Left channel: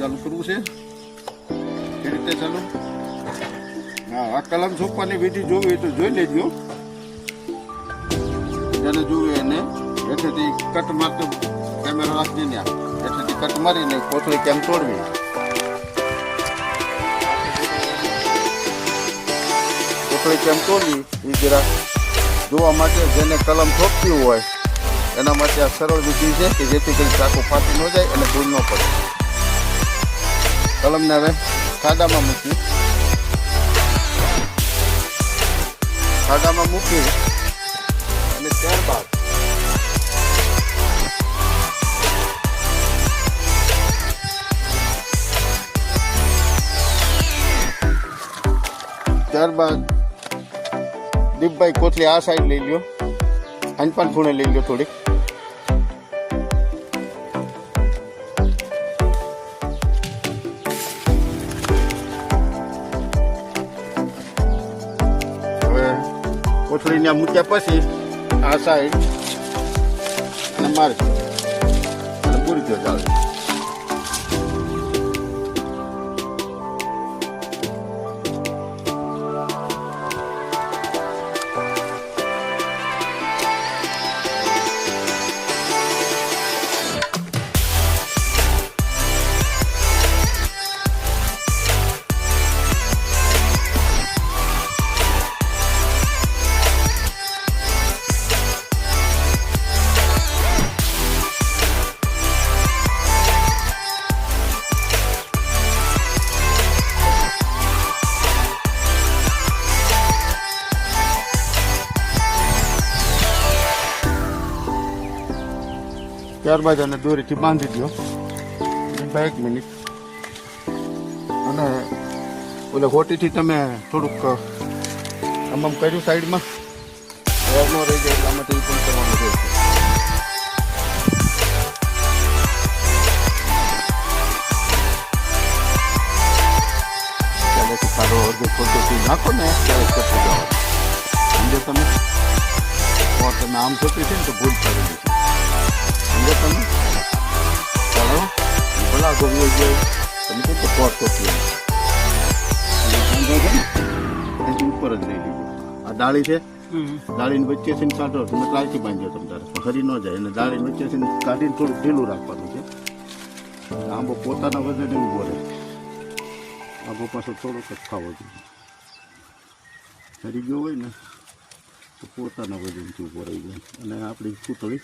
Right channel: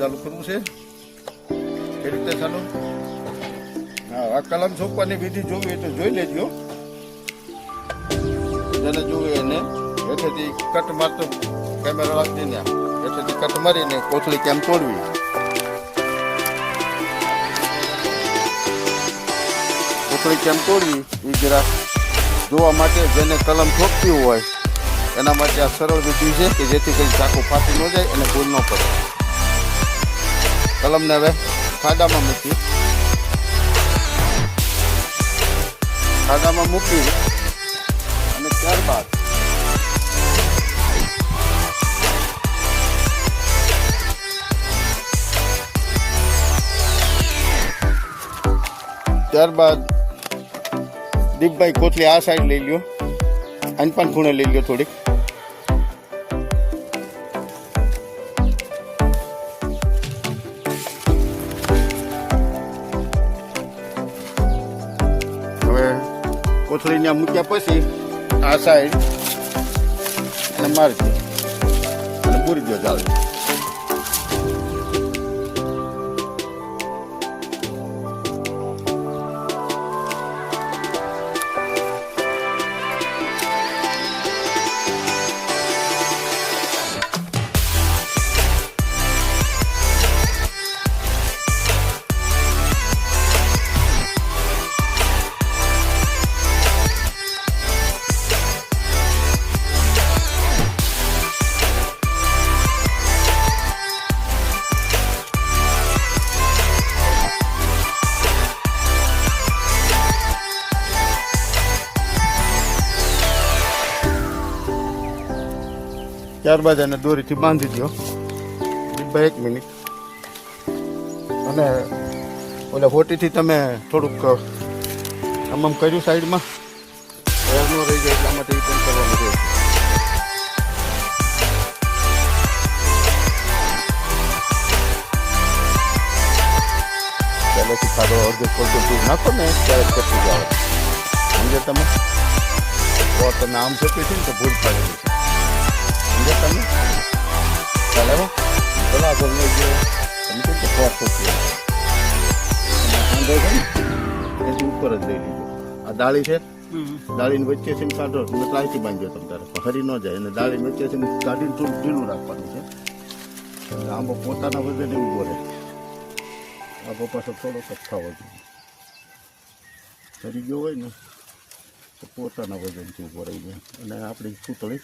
ચાલુ કરવું છે એ રીતે ચાલુ. હા, આ કલમ છોપવાની વિધિ જોવી તો જોઈ લેજો. જેને જોવે એને હેઠેથી કટ મારતો કેમેરો રાખી દે, હેઠેથી કટ મારીને કોથળી કેમ તોડવી. કોથળી કેમ તોડવી એ જરા જોવા માટે જેને કલમ છોપવું હોય એના માટે આ સરળ વિધિ છે કે જેથી કરી ચાકુ ફાટી ન જાય અને ભૂલ ન પડે. કલમને હવે ખાડામાં મૂકી અને ત્યારબાદ દીપભાઈ કોથળી આ સાઈડ લઈ ગયો, આની પણ ખૂણે લઈ ગયો થોડીક. હવે કોથળીને મૂક્યા પછી આ સાઈડ અને મારી અને પૂરી ગયો ચાલે. ત્યારબાદ એને દોરીથી બાંધી દો 1 મિનિટ. અને ઓલા હોટીથી તમે થોડુંક આમ કર્યું સાઈડમાં સારો અડધો પદ્ધતિ નાખો ને ત્યારે કરતું જાઓ. તમે તો તમે આમ થતું છે ને તો ભૂલ કરેલી છે. તમે ચાલે પેલા ગમી તમે તો પોટ થતી ઉપર જ લઈ લીધું. આ ડાળી છે, ડાળીને વચ્ચેથી કાઢો તમે પ્લાસ્ટિક બાંધો તમે તારે હરી ન જાય. અને ડાળીને વચ્ચેથી કાઢીને થોડું ઢીલું રાખવાનું છે. આંબો પોતાના વજન ઉભો રહે. આગો પાછો થોડોક જ ખાવો જોઈએ. હરી ગયો હોય ને તો પોતાના વજનથી ઉભો રહી જાય અને આપણી પૂતળી